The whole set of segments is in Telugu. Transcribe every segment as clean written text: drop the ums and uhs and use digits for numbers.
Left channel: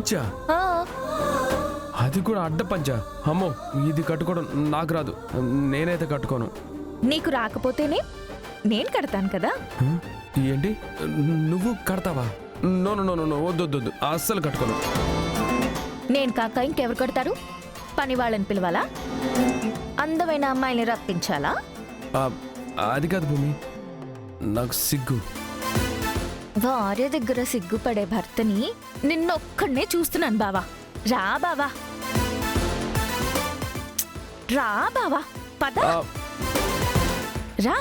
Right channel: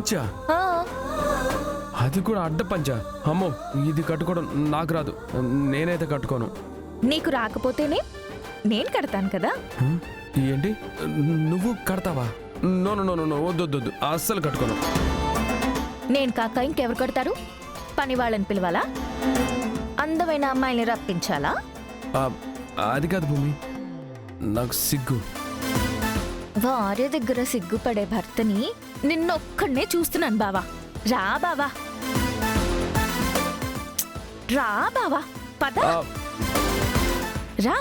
పంచా? అది కూడా అడ్డ పంచా? అమ్మో, ఇది కట్టుకోవడం నాకు రాదు. నేనైతే కట్టుకోను. నీకు రాకపోతేనే నేను కడతాను కదా. ఏంటి, నువ్వు కడతావా? నో నో నో నో, వద్దు, అస్సలు కట్టుకోను. నేను కాక ఇంకెవరు కడతారు? పని వాళ్ళని పిలవాలా? అందమైన అమ్మాయిని రప్పించాలా? అది కాదు భూమి, నాకు సిగ్గు. భార్య దగ్గర సిగ్గుపడే భర్తని నిన్నొక్కడనే చూస్తున్నాను బావా. రా బావా, రా బావా, పద రా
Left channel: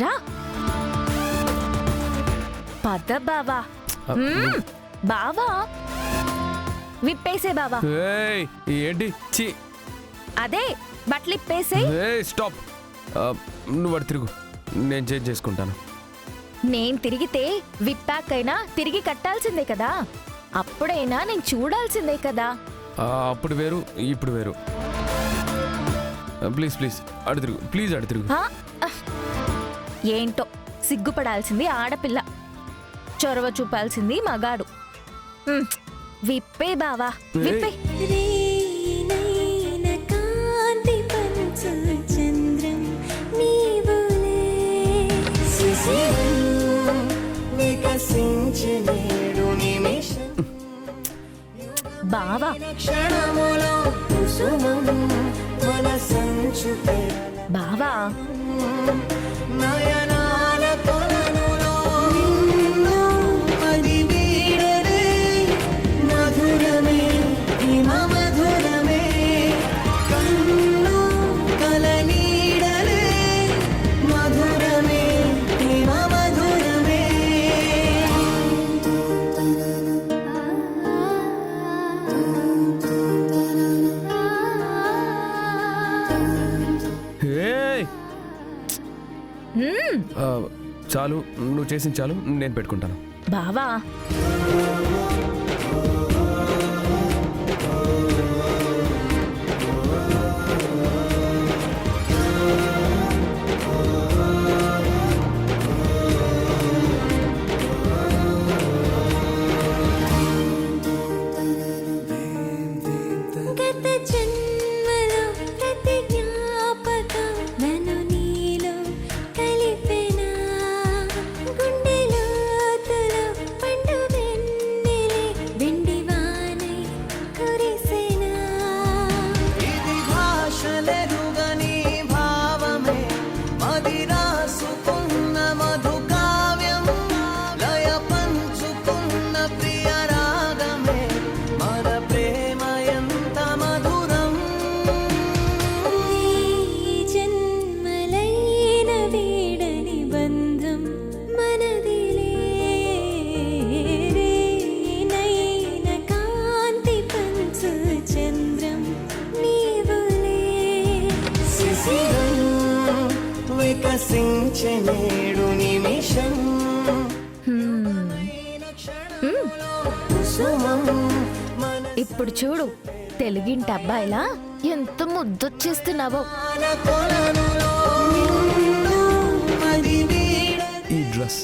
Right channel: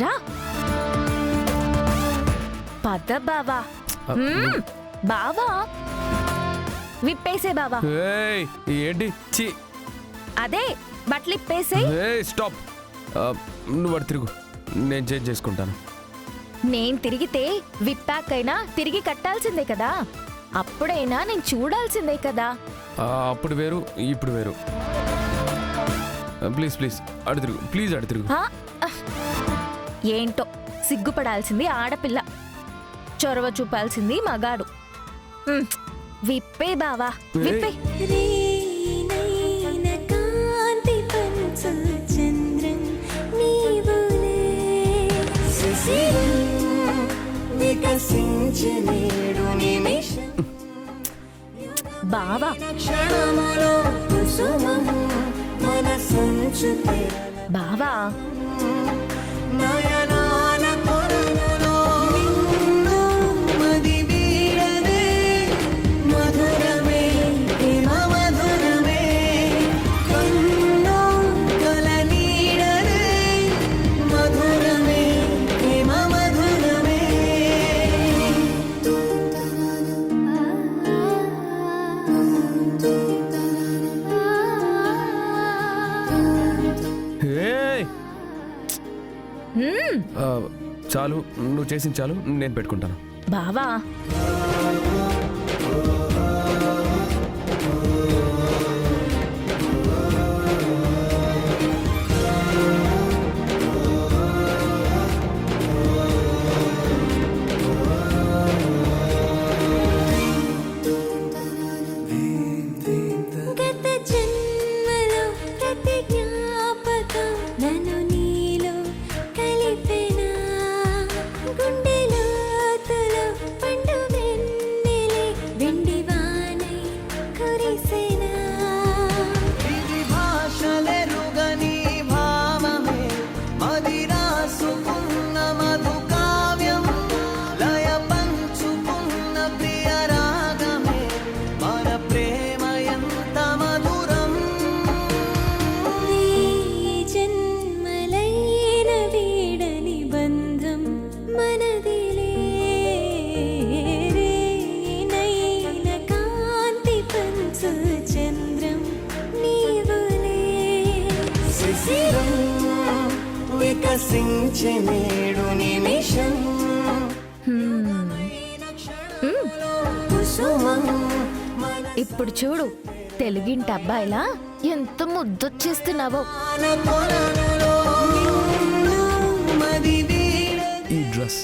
రా, పద బావా. బావా విప్పేసే బావా. ఏంటి? చి, అదే బట్టలు ఇప్పేసే. స్టాప్. నువ్వు అటు తిరుగు, నేను చేంజ్ చేసుకుంటాను. నేను తిరిగితే విప్పాకైనా తిరిగి కట్టాల్సిందే కదా. అప్పుడైనా నేను చూడాల్సిందే కదా. అప్పుడు వేరు, ఇప్పుడు వేరు. ప్లీజ్ ప్లీజ్ అటు తిరుగు, ప్లీజ్ అటు తిరుగు. ఏంటో, సిగ్గుపడాల్సింది ఆడపిల్ల, చొరవ చూపాల్సింది మగాడు. విప్పే బావా, విప్పే. బావా బావా, చాలు, నువ్వు చేసింది చాలు, నేను పెట్టుకుంటాను. బావా వికసించెనేడు నిమిషం. ఇప్పుడు చూడు, తెలుగింటి అబ్బాయిలా ఎంత ముద్దొచ్చేస్తున్నావో. ఈ డ్రెస్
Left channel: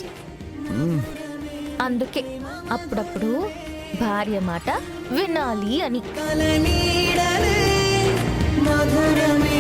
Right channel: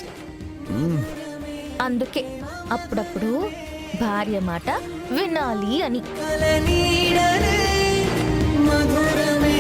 అందుకే అప్పుడప్పుడు భార్య మాట వినాలి అని. మధురమే